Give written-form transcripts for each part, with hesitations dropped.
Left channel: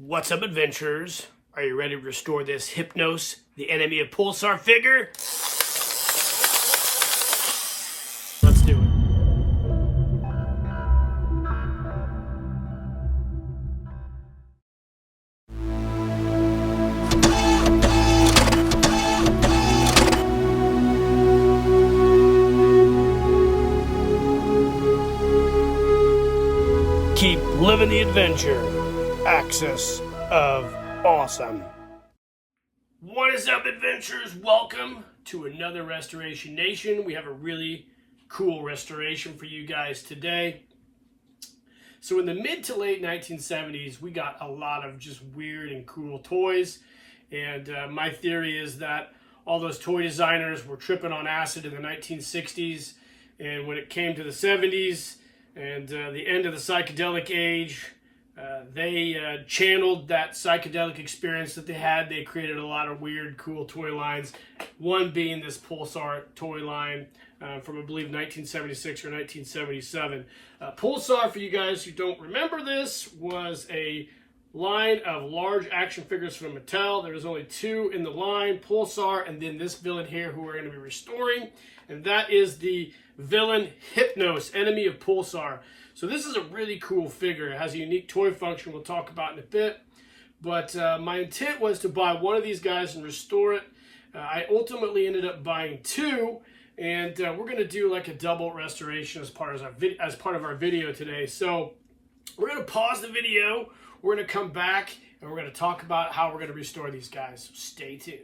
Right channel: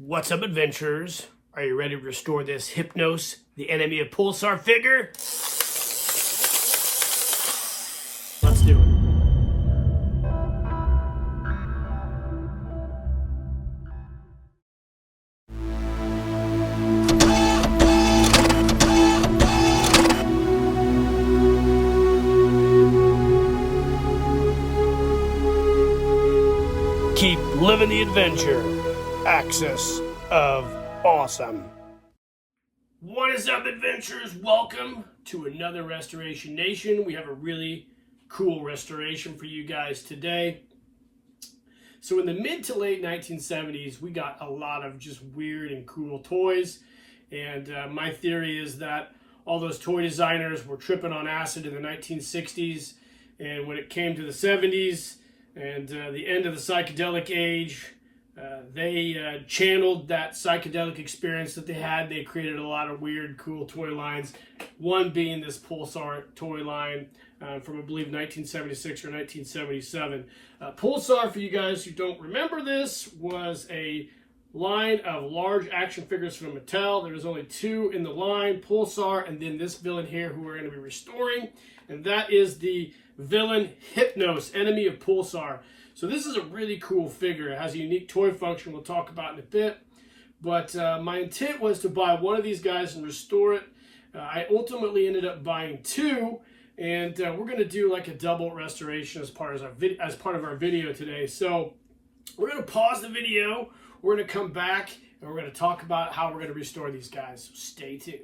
What's up, adventurers? Are you ready to restore this Hypnos, the enemy of Pulsar figure? Let's do it. Keep living the adventure. Axis of awesome. What is up, adventurers? Welcome to another Restoration Nation. We have a really cool restoration for you guys today. So in the mid to late 1970s, we got a lot of just weird and cool toys. And my theory is that all those toy designers were tripping on acid in the 1960s. And when it came to the 70s and the end of the psychedelic age, they channeled that psychedelic experience that they had. They created a lot of weird, cool toy lines. One being this Pulsar toy line from, I believe, 1976 or 1977. Pulsar, for you guys who don't remember this, was a line of large action figures from Mattel. There was only two in the line, Pulsar, and then this villain here who we're going to be restoring. And that is the villain Hypnos, enemy of Pulsar. So this is a really cool figure. It has a unique toy function we'll talk about in a bit. But my intent was to buy one of these guys and restore it. I ultimately ended up buying two. And we're going to do like a double restoration as part of our video today. So we're going to pause the video. We're going to come back and we're going to talk about how we're going to restore these guys. So stay tuned.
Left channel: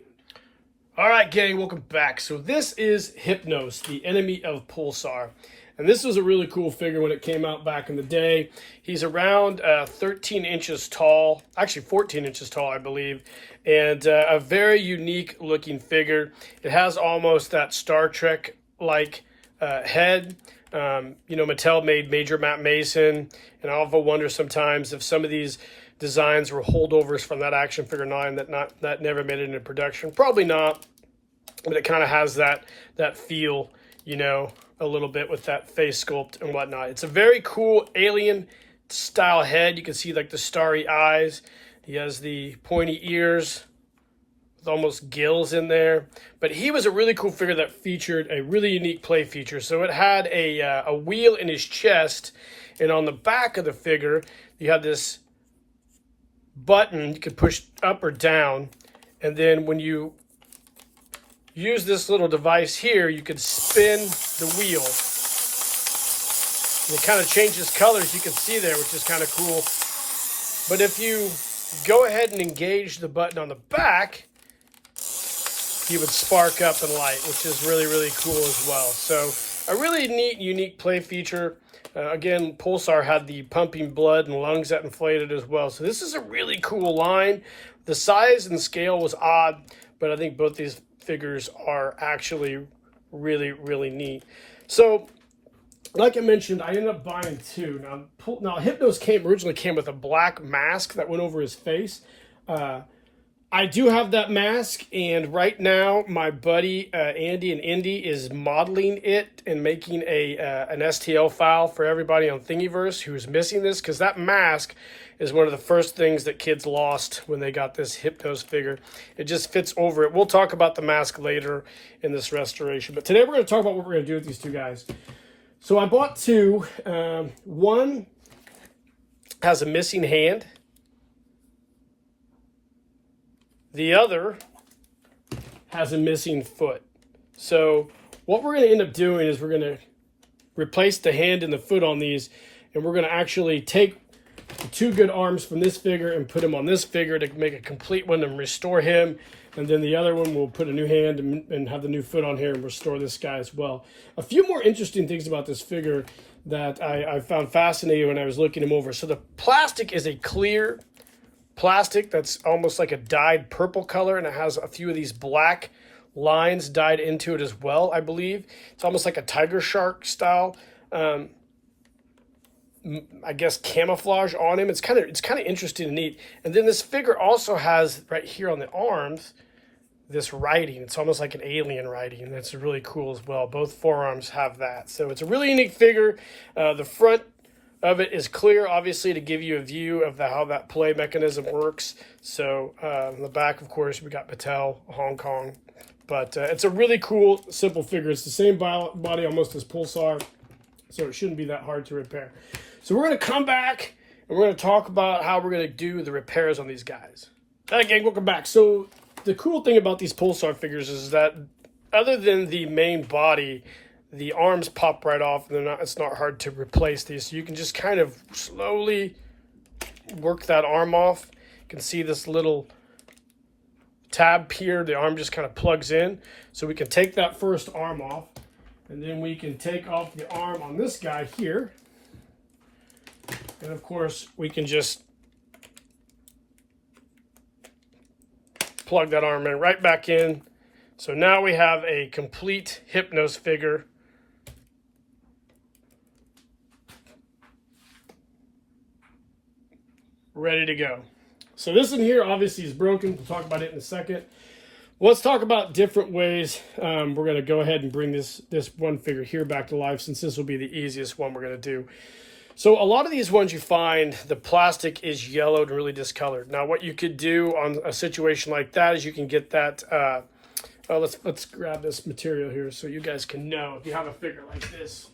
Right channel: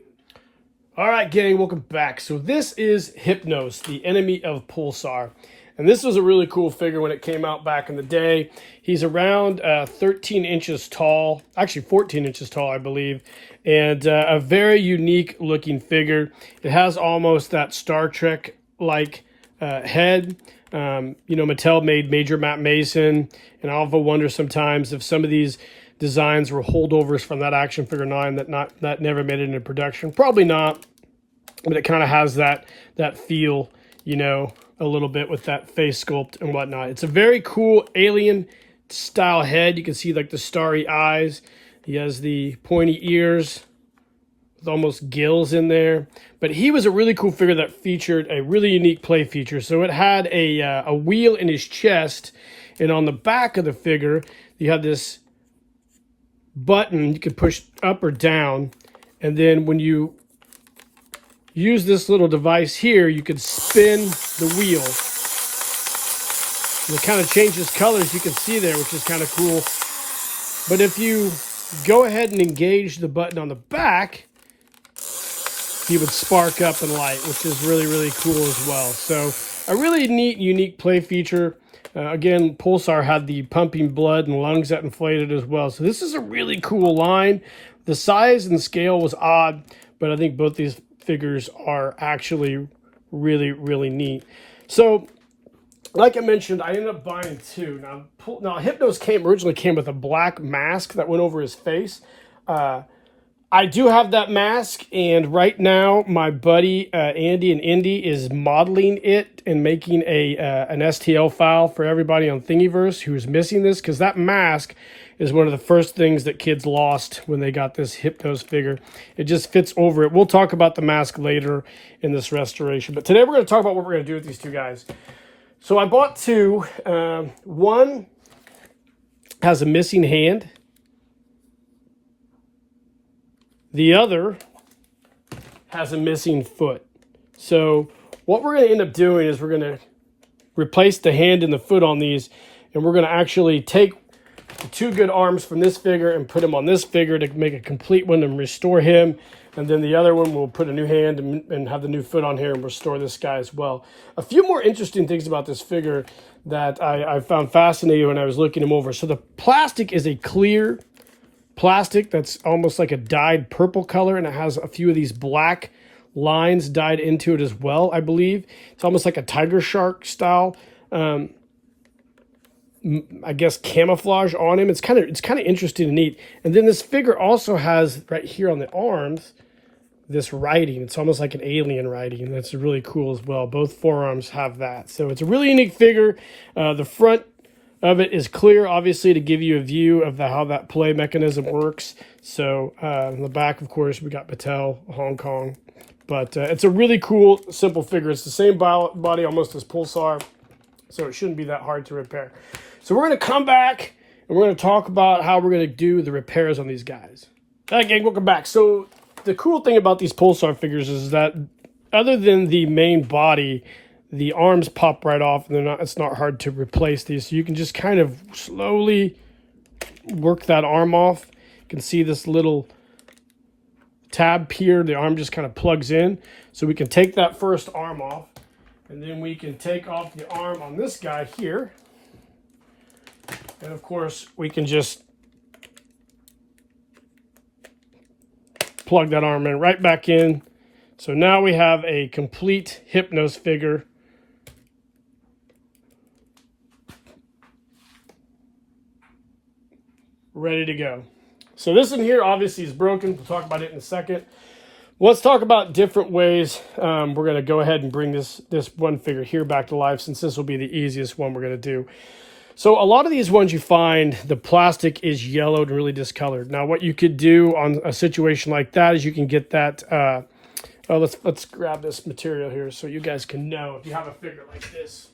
All right, gang, welcome back. So this is Hypnos, the enemy of Pulsar. And this was a really cool figure when it came out back in the day. He's around 13 inches tall, actually 14 inches tall, I believe, and a very unique looking figure. It has almost that Star Trek-like head. You know, Mattel made Major Matt Mason, and I often wonder sometimes if some of these designs were holdovers from that action figure 9 that never made it into production. Probably not, but it kind of has that feel, you know, a little bit with that face sculpt and whatnot. It's a very cool alien style head. You can see like the starry eyes. He has the pointy ears with almost gills in there. But he was a really cool figure that featured a really unique play feature. So it had a wheel in his chest, and on the back of the figure, you had this button you could push up or down, and then when you use this little device here, you could spin the wheel. And it kind of changes colors, you can see there, which is kind of cool. But if you go ahead and engage the button on the back, he would spark up and light, which is really, really cool as well. So a really neat, unique play feature. Again, Pulsar had the pumping blood and lungs that inflated as well. So this is a really cool line. The size and scale was odd, but I think both these figures are actually really, really neat. So like I mentioned, I ended up buying two. Now Hypnos originally came with a black mask that went over his face. I do have that mask, and right now my buddy Andy and Indy is modeling it and making an STL file for everybody on Thingiverse who's missing this, because that mask is one of the first things that kids lost when they got this Hypnos figure. It just fits over it. We'll talk about the mask later in this restoration. But today we're going to talk about what we're going to do with these two guys. So I bought two. One has a missing hand. The other has a missing foot. So what we're going to end up doing is we're going to replace the hand and the foot on these, and we're going to actually take the two good arms from this figure and put them on this figure to make a complete one and restore him. And then the other one, we'll put a new hand and have the new foot on here and restore this guy as well. A few more interesting things about this figure that I found fascinating when I was looking him over. So the plastic is a clear plastic that's almost like a dyed purple color, and it has a few of these black lines dyed into it as well, I believe. It's almost like a tiger shark style I guess camouflage on him. It's kind of interesting and neat. And then this figure also has right here on the arms this writing. It's almost like an alien writing. That's really cool as well. Both forearms have that. So it's a really unique figure. The front of it is clear, obviously, to give you a view of how that play mechanism works. So on the back, of course, we got Mattel, Hong Kong. But it's a really cool, simple figure. It's the same body almost as Pulsar, so it shouldn't be that hard to repair. So we're going to come back, and we're going to talk about how we're going to do the repairs on these guys. All right, gang, welcome back. So the cool thing about these Pulsar figures is that other than the main body, the arms pop right off, and it's not hard to replace these. So you can just kind of slowly work that arm off. You can see this little tab here. The arm just kind of plugs in. So we can take that first arm off, and then we can take off the arm on this guy here. And of course, we can just plug that arm in right back in. So now we have a complete Hypnos figure. Ready to go. So this in here obviously is broken. We'll talk about it in a second. Let's talk about different ways. We're going to go ahead and bring this one figure here back to life, since this will be the easiest one we're going to do. So a lot of these ones you find, the plastic is yellowed and really discolored. Now what you could do on a situation like that is you can get that, let's grab this material here so you guys can know if you have a figure like this.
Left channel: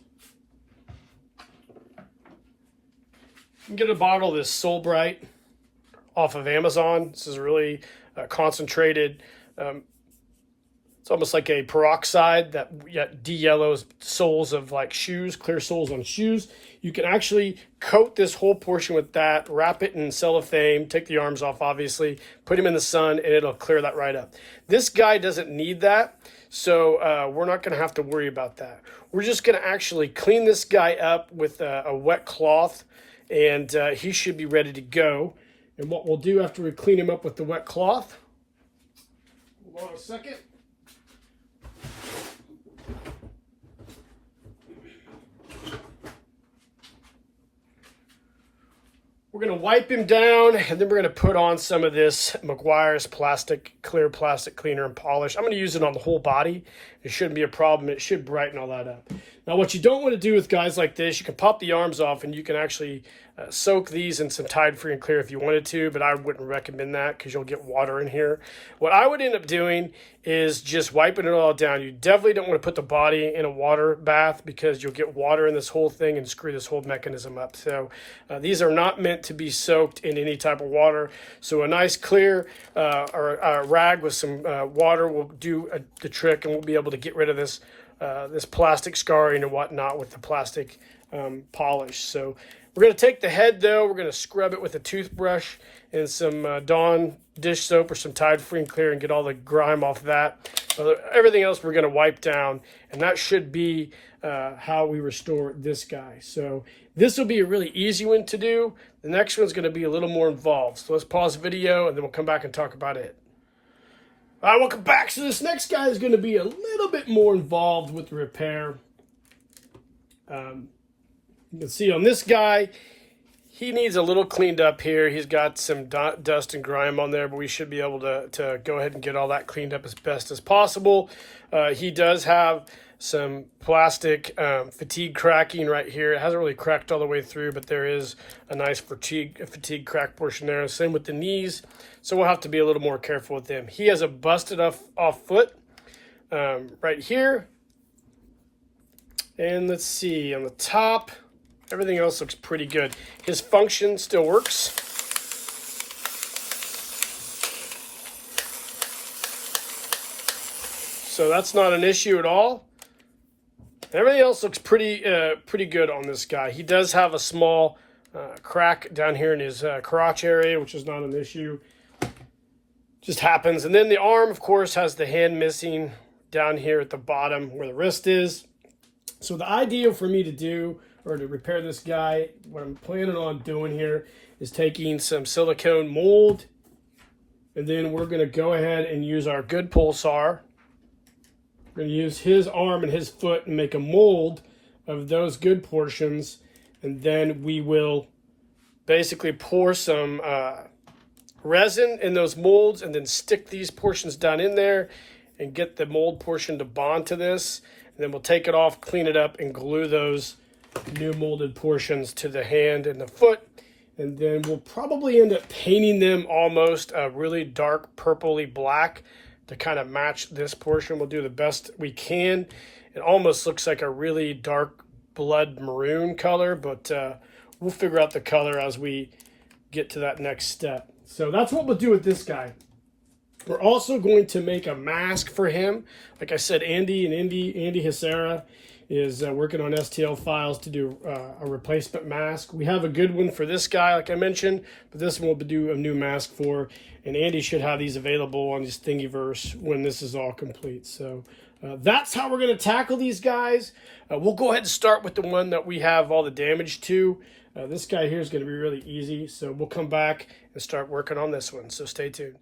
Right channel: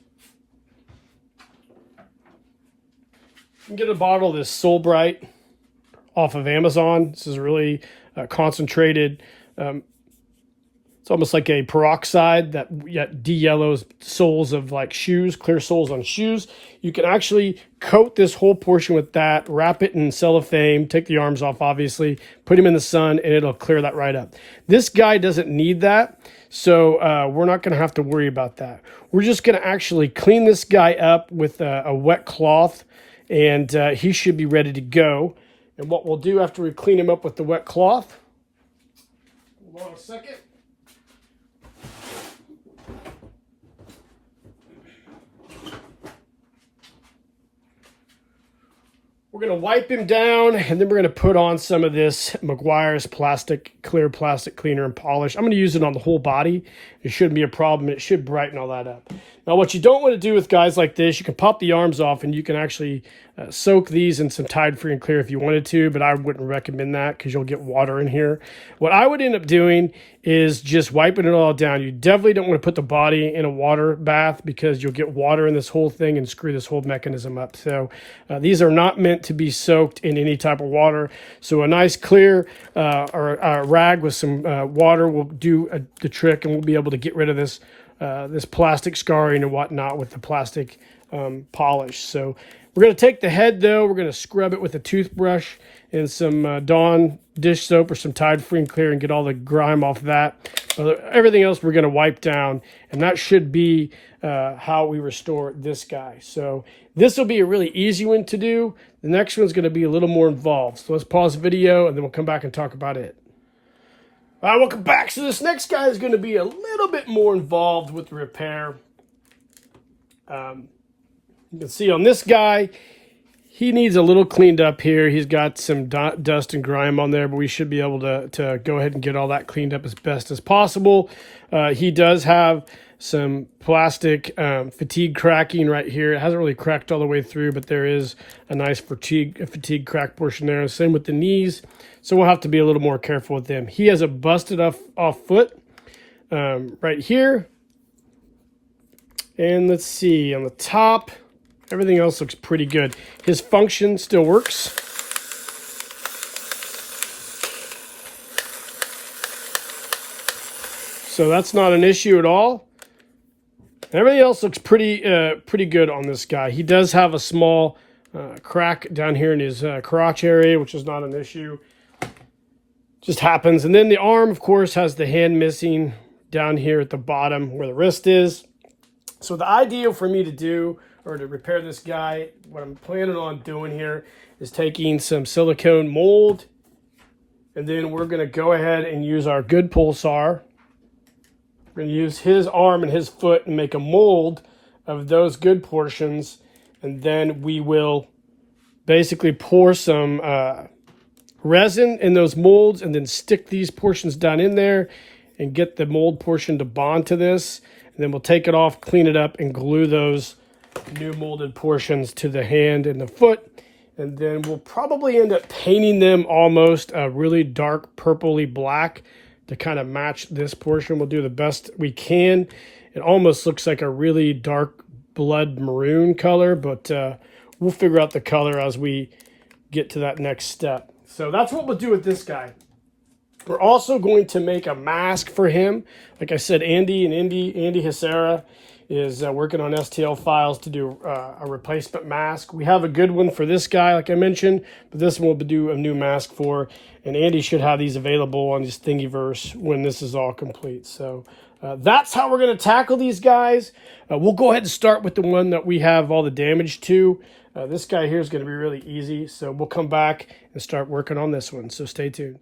You can get a bottle of this Soul Bright off of Amazon. This is really concentrated. It's almost like a peroxide that de-yellows soles of like shoes, clear soles on shoes. You can actually coat this whole portion with that, wrap it in cellophane, take the arms off obviously, put him in the sun, and it'll clear that right up. This guy doesn't need that, so we're not going to have to worry about that. We're just going to actually clean this guy up with a wet cloth, and he should be ready to go. And what we'll do after we clean him up with the wet cloth, hold on a second. We're going to wipe him down, and then we're going to put on some of this Meguiar's clear plastic cleaner and polish. I'm going to use it on the whole body. It shouldn't be a problem. It should brighten all that up. Now, what you don't want to do with guys like this, you can pop the arms off, and you can actually soak these in some Tide Free and Clear if you wanted to, but I wouldn't recommend that because you'll get water in here. What I would end up doing is just wiping it all down. You definitely don't want to put the body in a water bath because you'll get water in this whole thing and screw this whole mechanism up. So these are not meant to be soaked in any type of water. So a nice clear or a rag with some water will do the trick, and we'll be able to get rid of this this plastic scarring and whatnot with the plastic polish. So we're going to take the head though, we're going to scrub it with a toothbrush and some Dawn dish soap or some Tide Free and Clear and get all the grime off that. So everything else we're going to wipe down, and that should be how we restore this guy. So this will be a really easy one to do. The next one's going to be a little more involved. So let's pause the video and then we'll come back and talk about it. All right, welcome back. So this next guy is going to be a little bit more involved with the repair. You can see on this guy, he needs a little cleaned up here. He's got some dust and grime on there, but we should be able to go ahead and get all that cleaned up as best as possible. He does have some plastic fatigue cracking right here. It hasn't really cracked all the way through, but there is a nice fatigue crack portion there. Same with the knees. So we'll have to be a little more careful with them. He has a busted off foot right here. And let's see, on the top, everything else looks pretty good. His function still works. So that's not an issue at all. Everything else looks pretty good on this guy. He does have a small crack down here in his crotch area, which is not an issue. Just happens. And then the arm, of course, has the hand missing down here at the bottom where the wrist is. So the idea for me to do, or to repair this guy, what I'm planning on doing here is taking some silicone mold, and then we're going to go ahead and use our good Pulsar. We're going to use his arm and his foot and make a mold of those good portions, and then we will basically pour some resin in those molds and then stick these portions down in there and get the mold portion to bond to this. And then we'll take it off, clean it up, and glue those new molded portions to the hand and the foot. And then we'll probably end up painting them almost a really dark purpley black to kind of match this portion. We'll do the best we can. It almost looks like a really dark blood maroon color, but we'll figure out the color as we get to that next step. So that's what we'll do with this guy. We're also going to make a mask for him. Like I said, Andy Hissera is working on STL files to do a replacement mask. We have a good one for this guy, like I mentioned, but this one we'll do a new mask for, and Andy should have these available on his Thingiverse when this is all complete. So that's how we're going to tackle these guys. We'll go ahead and start with the one that we have all the damage to. This guy here is going to be really easy, so we'll come back and start working on this one, so stay tuned.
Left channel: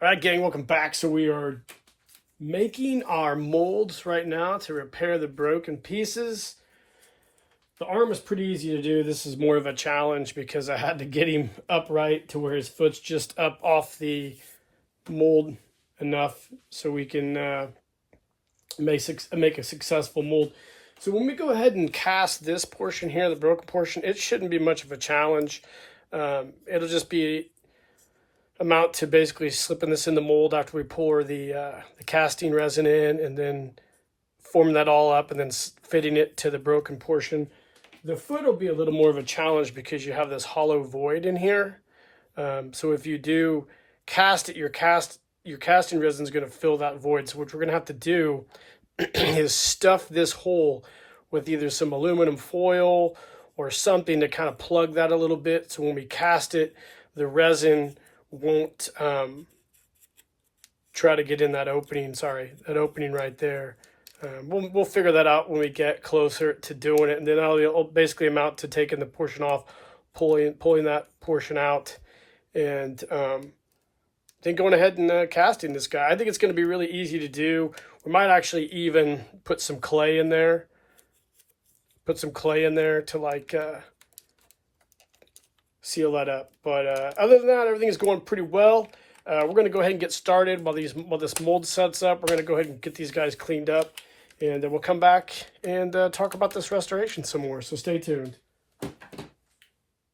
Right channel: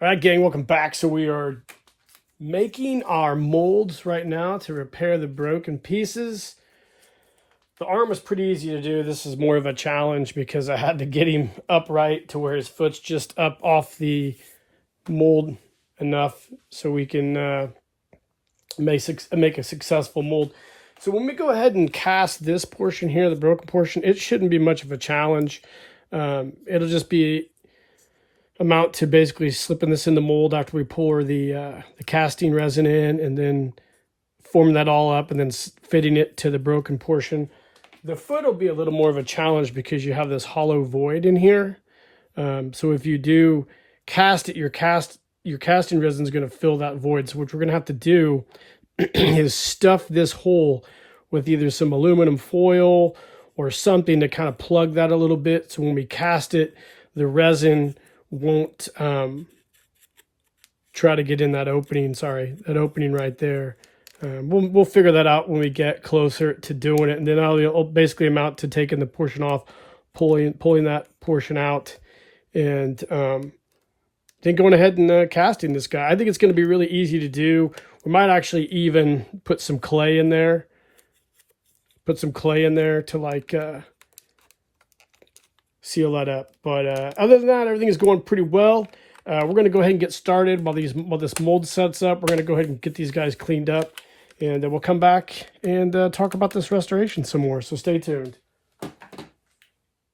All right, gang, welcome back. So we are making our molds right now to repair the broken pieces. The arm was pretty easy to do. This is more of a challenge because I had to get him upright to where his foot's just up off the mold enough so we can make a successful mold. So when we go ahead and cast this portion here, the broken portion, it shouldn't be much of a challenge. It'll just be amount to basically slipping this in the mold after we pour the casting resin in, and then form that all up and then fitting it to the broken portion. The foot will be a little more of a challenge because you have this hollow void in here. So if you do cast it, your casting resin is going to fill that void. So what we're going to have to do is stuff this hole with either some aluminum foil or something to kind of plug that a little bit. So when we cast it, the resin won't try to get in that opening. That opening right there. We'll figure that out when we get closer to doing it, and then I'll basically amount to taking the portion off, pulling that portion out, and then going ahead and casting this guy. I think it's going to be really easy to do. We might actually even put some clay in there. To like seal that up. But other than that, everything is going pretty well. We're going to go ahead and get started while this mold sets up. We're going to go ahead and get these guys cleaned up, and then we'll come back and talk about this restoration some more. So stay tuned. All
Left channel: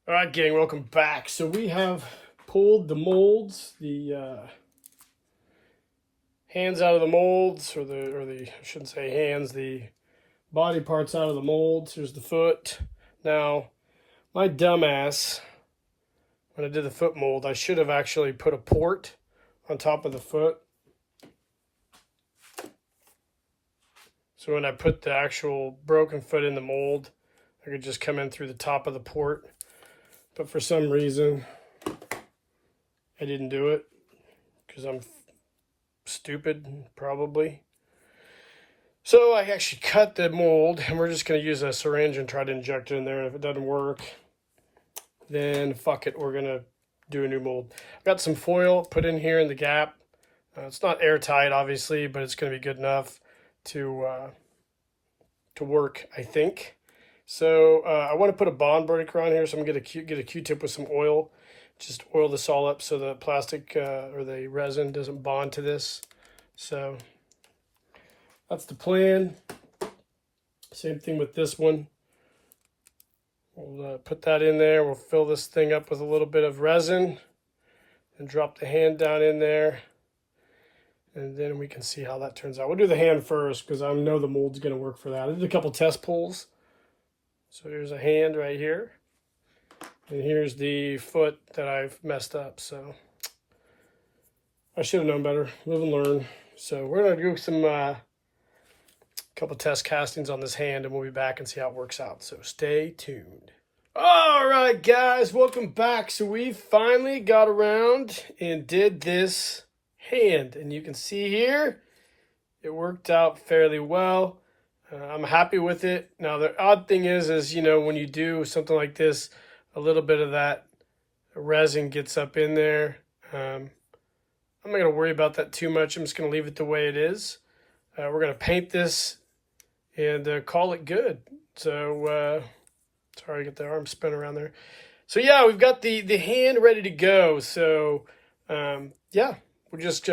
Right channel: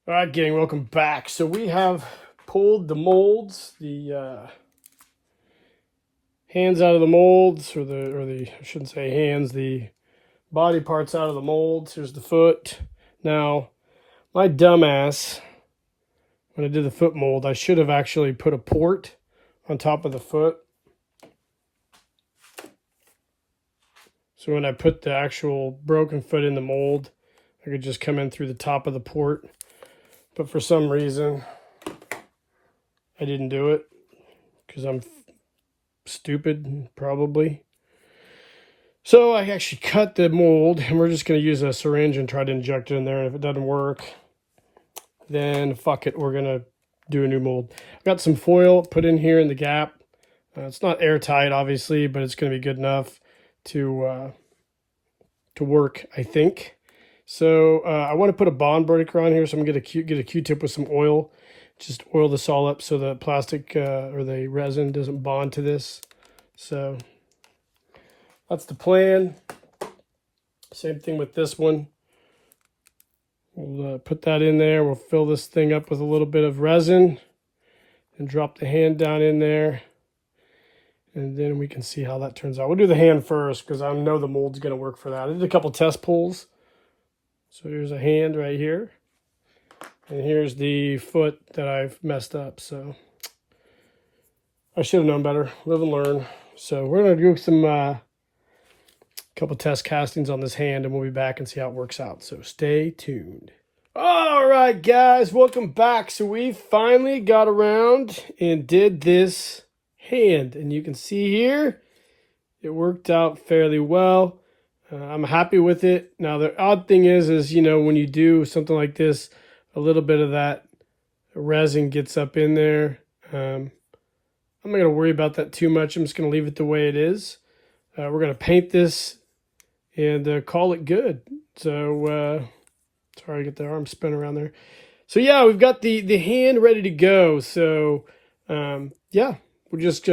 right, gang, welcome back. So we have pulled the molds, the hands out of the molds, or the I shouldn't say hands, the body parts out of the molds. Here's the foot. Now, my dumbass, when I did the foot mold, I should have actually put a port on top of the foot. So when I put the actual broken foot in the mold, I could just come in through the top of the port. But for some reason, I didn't do it because I'm stupid, probably. So I actually cut the mold, and we're just going to use a syringe and try to inject it in there. And if it doesn't work, then fuck it, we're going to do a new mold. I've got some foil put in here in the gap. It's not airtight, obviously, but it's going to be good enough to work, I think. So I want to put a bond breaker on here, so I'm going to get a Q-tip with some oil. Just oil this all up so the plastic or the resin doesn't bond to this. So that's the plan. Same thing with this one. We'll put that in there. We'll fill this thing up with a little bit of resin and drop the hand down in there. And then we can see how that turns out. We'll do the hand first because I know the mold's going to work for that. I did a couple test pulls. So here's a hand right here. And here's the foot that I've messed up. So I should have known better. Live and learn. So we're going to do some couple test castings on this hand, and we'll be back and see how it works out. So stay tuned. All right, guys, welcome back. So we finally got around and did this hand, and you can see here it worked out fairly well. I'm happy with it. Now the odd thing is you know, when you do something like this, a little bit of that resin gets up in there. I'm not going to worry about that too much. I'm just going to leave it the way it is. We're going to paint this and call it good. So sorry to get the arm spin around there. So yeah, we've got the hand ready to go. So yeah, we'll just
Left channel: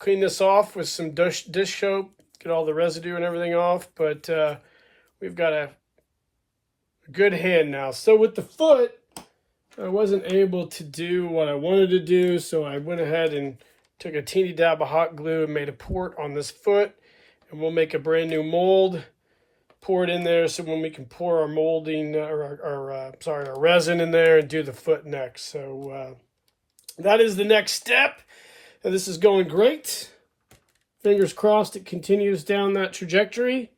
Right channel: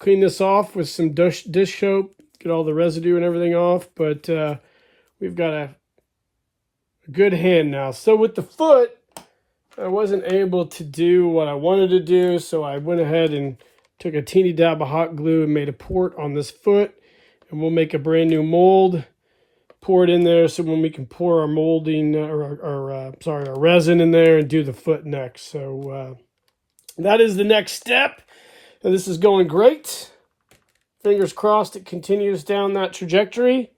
clean this off with some dish soap, get all the residue and everything off. But we've got a good hand now. So with the foot, I wasn't able to do what I wanted to do. So I went ahead and took a teeny dab of hot glue and made a port on this foot. And we'll make a brand new mold, pour it in there so when we can pour our molding, our resin in there and do the foot next. So that is the next step. And this is going great. Fingers crossed it continues down that trajectory.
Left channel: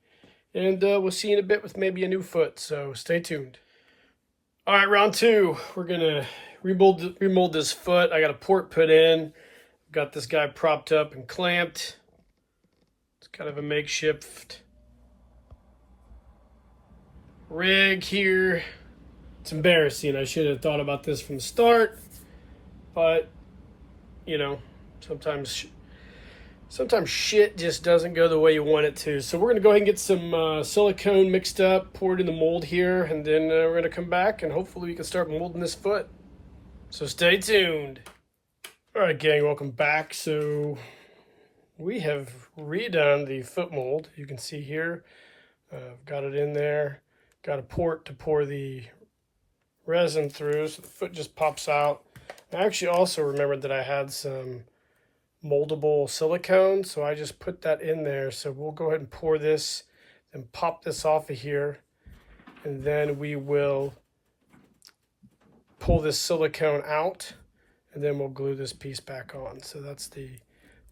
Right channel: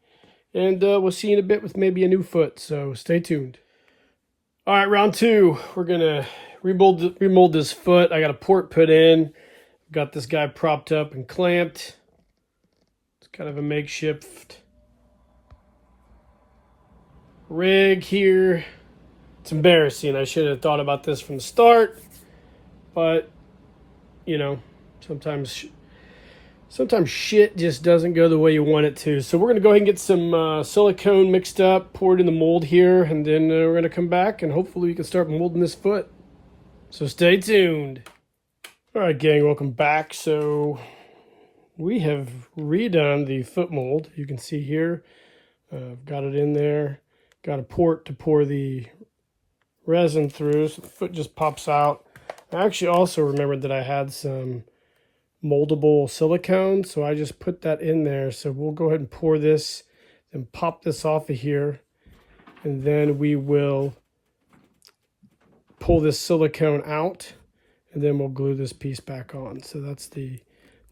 And we'll see you in a bit with maybe a new foot. So stay tuned. All right, round two. We're going to remold this foot. I got a port put in. Got this guy propped up and clamped. It's kind of a makeshift rig here. It's embarrassing. I should have thought about this from the start. But, you know, sometimes shit just doesn't go the way you want it to. So we're going to go ahead and get some silicone mixed up, pour it in the mold here, and then we're going to come back and hopefully we can start molding this foot. So stay tuned. All right, gang, welcome back. So we have redone the foot mold. You can see here, I've got it in there. Got a port to pour the resin through, so the foot just pops out. I actually also remembered that I had some moldable silicone, so I just put that in there. So we'll go ahead and pour this and pop this off of here, and then we will pull this silicone out, and then we'll glue this piece back on. So that's the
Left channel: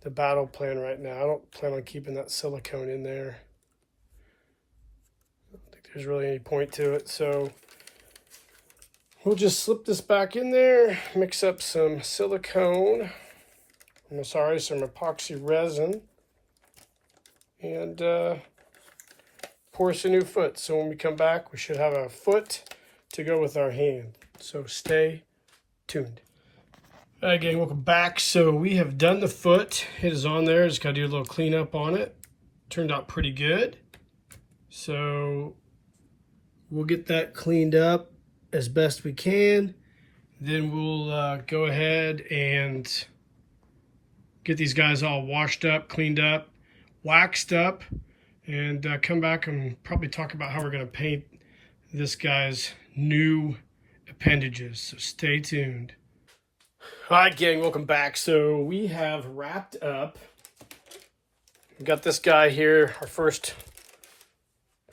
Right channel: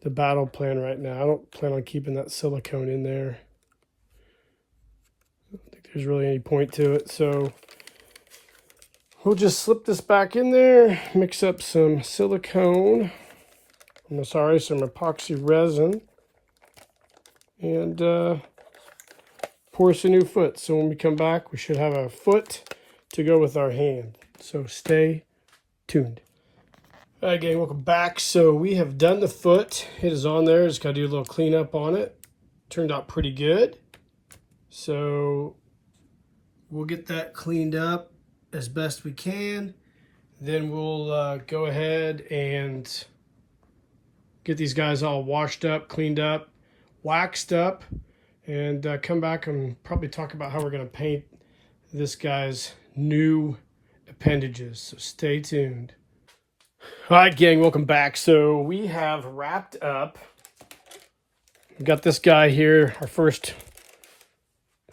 battle plan right now. I don't plan on keeping that silicone in there. I don't think there's really any point to it. So we'll just slip this back in there, mix up some silicone. Some epoxy resin, and pour us a new foot. So when we come back, we should have a foot to go with our hand. So stay tuned. All right, gang, welcome back. So we have done the foot. It is on there. Just got to do a little cleanup on it. Turned out pretty good. So we'll get that cleaned up as best we can. Then we'll go ahead and get these guys all washed up, cleaned up, waxed up, and come back and probably talk about how we're going to paint this guy's new appendages. So stay tuned. All right, gang, welcome back. So we have wrapped up. We've got this guy here, our first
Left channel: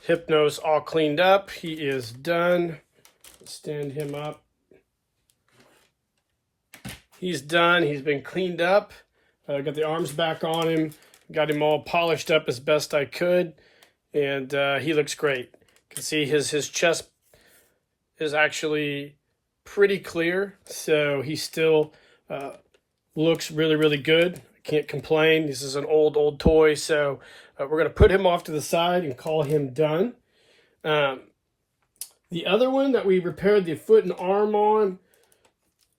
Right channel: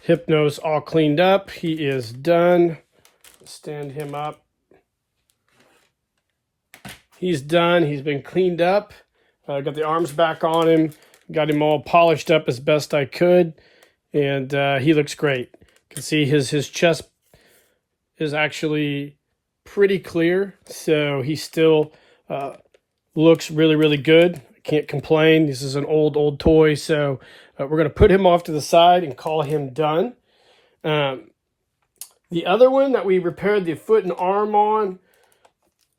Hypnos, all cleaned up. He is done. Stand him up. He's done. He's been cleaned up. Got the arms back on him. Got him all polished up as best I could. and he looks great. You can see his chest is actually pretty clear, so he still looks really, really good. I can't complain. This is an old toy, so we're going to put him off to the side and call him done. The other one that we repaired the foot and arm on,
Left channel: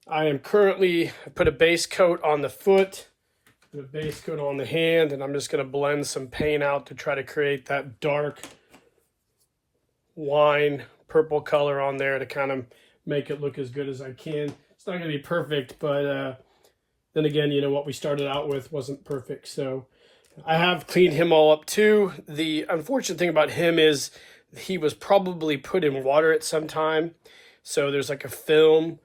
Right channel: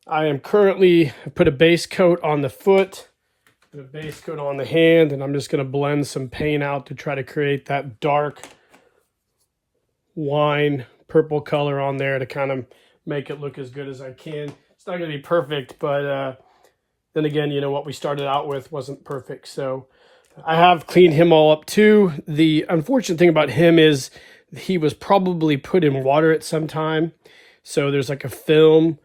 I am currently put a base coat on the foot, put a base coat on the hand, and I'm just going to blend some paint out to try to create that dark wine purple color on there to kind of make it look as good as I can. It's not going to be perfect, but then again, you know, what we started out with wasn't perfect. So I have cleaned him all up too. The unfortunate thing about him is he was probably put in water at some time. So there's like a film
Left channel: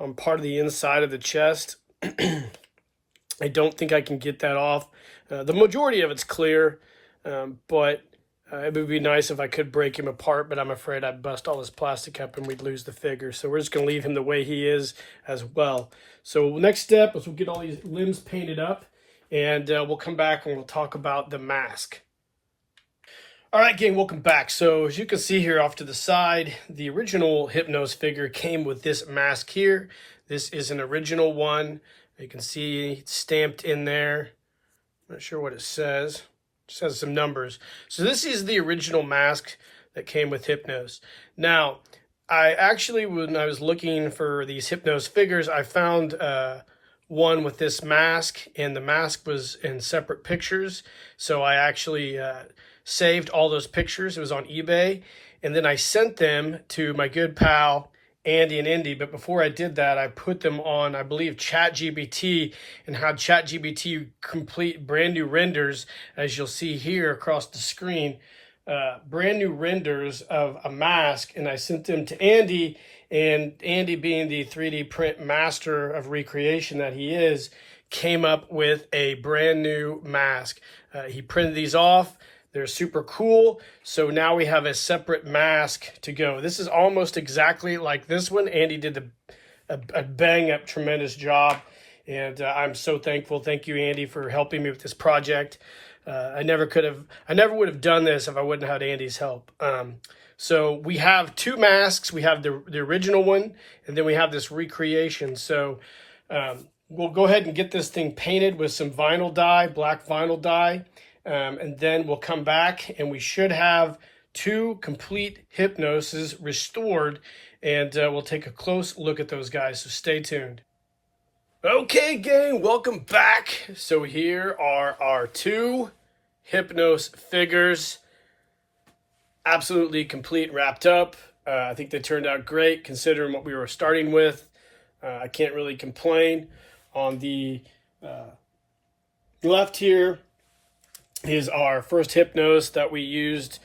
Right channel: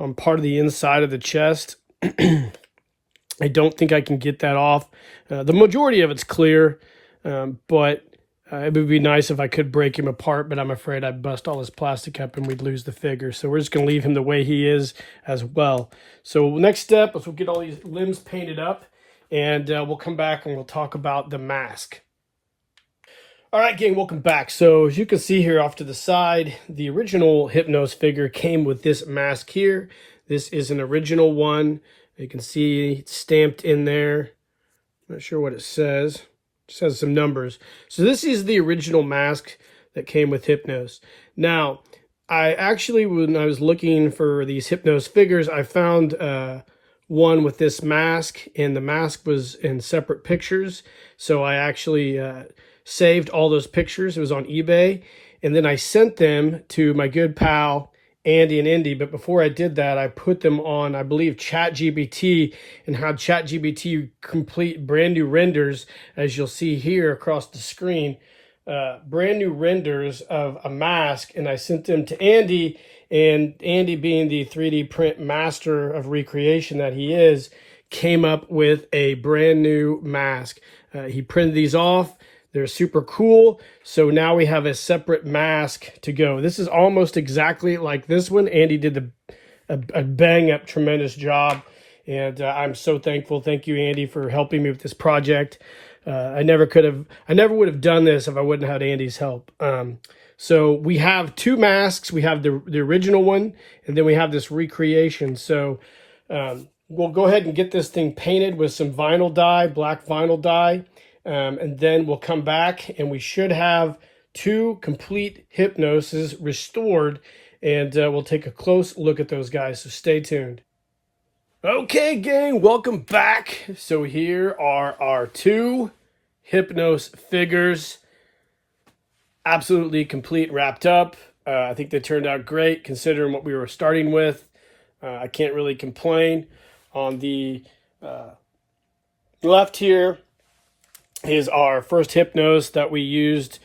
on part of the inside of the chest. I don't think I can get that off. The majority of it's clear, but it would be nice if I could break him apart, but I'm afraid I'd bust all his plastic up and we'd lose the figure. So we're just going to leave him the way he is as well. So next step is we'll get all these limbs painted up, and we'll come back and we'll talk about the mask. All right, gang, welcome back. So as you can see here off to the side, the original Hypnos figure came with this mask here. This is an original one. You can see it's stamped in there. Not sure what it says. Just has some numbers. So this is the original mask that came with Hypnos. Now, I actually, when I was looking for these Hypnos figures, I found one with this mask, and the mask was in separate pictures. So I actually saved all those pictures. It was on eBay. And then I sent them to my good pal, Andy and Indy. But before I did that, I put them on, I believe, ChatGPT, and had ChatGPT complete brand new renders, as you'll see here across the screen, brand new renders of a mask. And I sent them to Andy, and Andy, being the 3D print master of recreation that he is, came up with a brand new mask. He printed these off. They're super cool. So now we have a separate mask to go. This is almost exactly like this one. Andy did a bang up tremendous job. And I'm so thankful. Thank you, Andy, for helping me with this project. I never would have done this if I wouldn't have had Andy's help. So we have two masks. We have the original one, and then we have this recreation. So we'll go ahead and get this thing painted with some vinyl dye, black vinyl dye. And then we'll come back, and we should have two complete Hypnoses restored, and we'll take a close look at those guys, so stay tuned. Okay, gang, welcome back. So here are our two Hypnos figures, absolutely complete, wrapped up. I think they turned out great considering what we were starting with. I can't really complain. On the left here is our first Hypnos that we used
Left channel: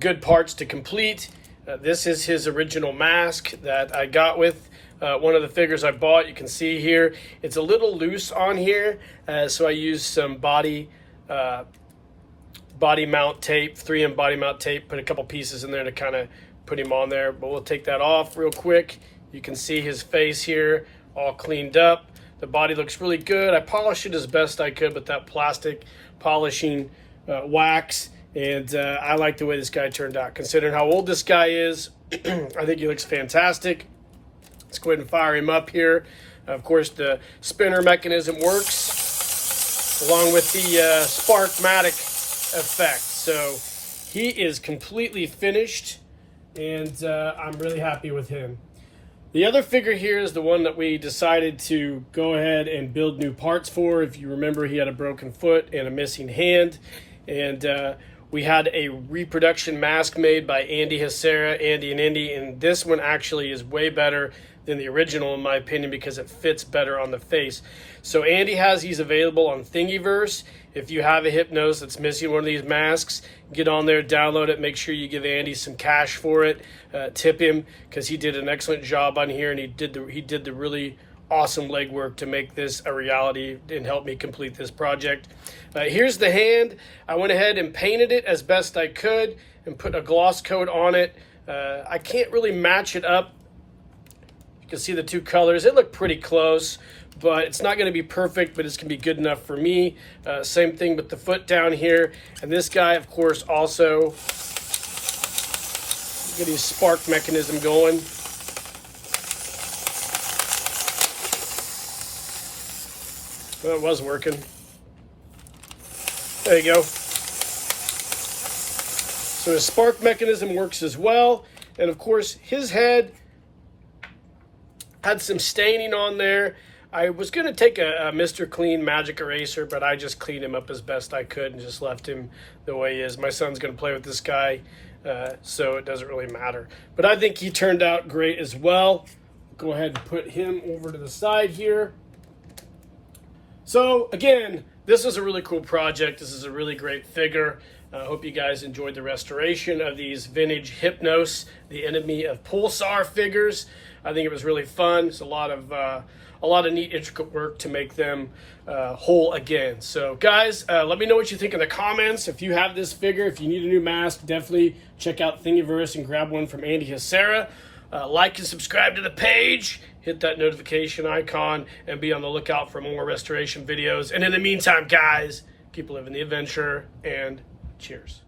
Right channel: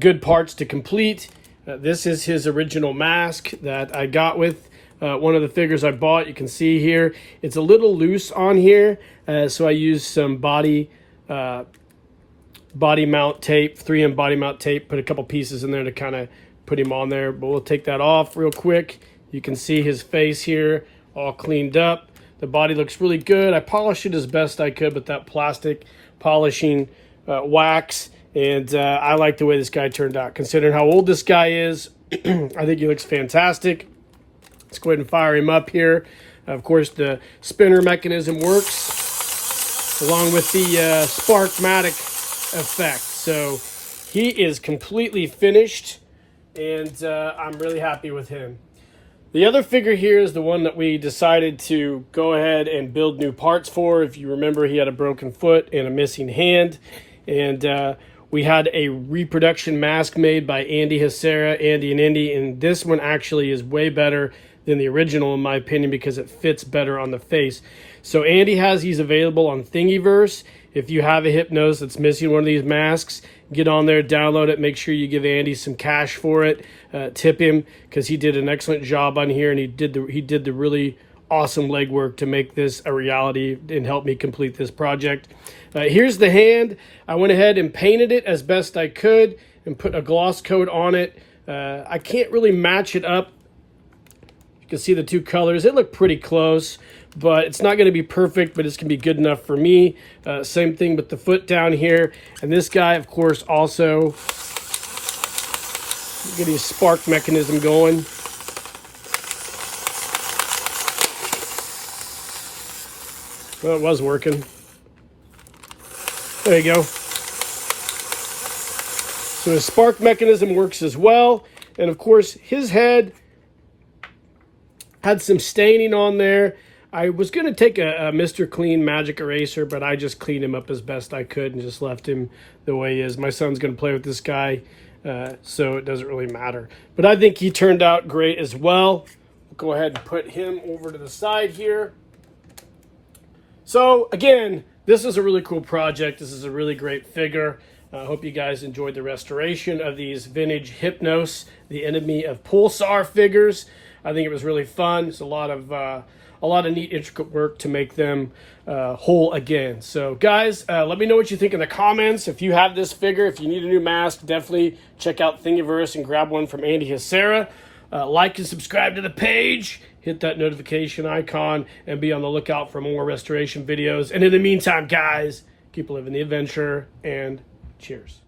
good parts to complete. This is his original mask that I got with one of the figures I bought. You can see here it's a little loose on here, so I used some body mount tape, 3M body mount tape, put a couple pieces in there to kind of put him on there. But we'll take that off real quick. You can see his face here all cleaned up. The body looks really good. I polished it as best I could with that plastic polishing wax, and I like the way this guy turned out. Considering how old this guy is, I think he looks fantastic. Let's go ahead and fire him up here. Of course, the spinner mechanism works along with the Sparkmatic effect. So he is completely finished, and I'm really happy with him. The other figure here is the one that we decided to go ahead and build new parts for. If you remember, he had a broken foot and a missing hand. And we had a reproduction mask made by Andy Hacera, Andy and Indy. And this one actually is way better than the original, in my opinion, because it fits better on the face. So Andy has these available on Thingiverse. If you have a Hypnos that's missing one of these masks, get on there, download it, make sure you give Andy some cash for it. Tip him, because he did an excellent job on here, and he did the really awesome legwork to make this a reality and help me complete this project. Here's the hand. I went ahead and painted it as best I could and put a gloss coat on it. I can't really match it up. You can see the two colors. They look pretty close, but it's not going to be perfect, but it's going to be good enough for me. Same thing with the foot down here. And this guy, of course, also get his spark mechanism going. Well, it was working. There you go. So his spark mechanism works as well. And of course, his head had some staining on there. I was going to take a Mr. Clean magic eraser, but I just cleaned him up as best I could and just left him the way he is. My son's going to play with this guy, so it doesn't really matter. But I think he turned out great as well. Go ahead and put him over to the side here. So again, this is a really cool project. This is a really great figure. I hope you guys enjoyed the restoration of these vintage Hypnos, the enemy of Pulsar figures. I think it was really fun. It's a lot of neat, intricate work to make them whole again. So guys, let me know what you think in the comments. If you have this figure, if you need a new mask, definitely check out Thingiverse and grab one from Andy Hacera. Like and subscribe to the page. Hit that notification icon and be on the lookout for more restoration videos. And in the meantime, guys, keep living the adventure and cheers.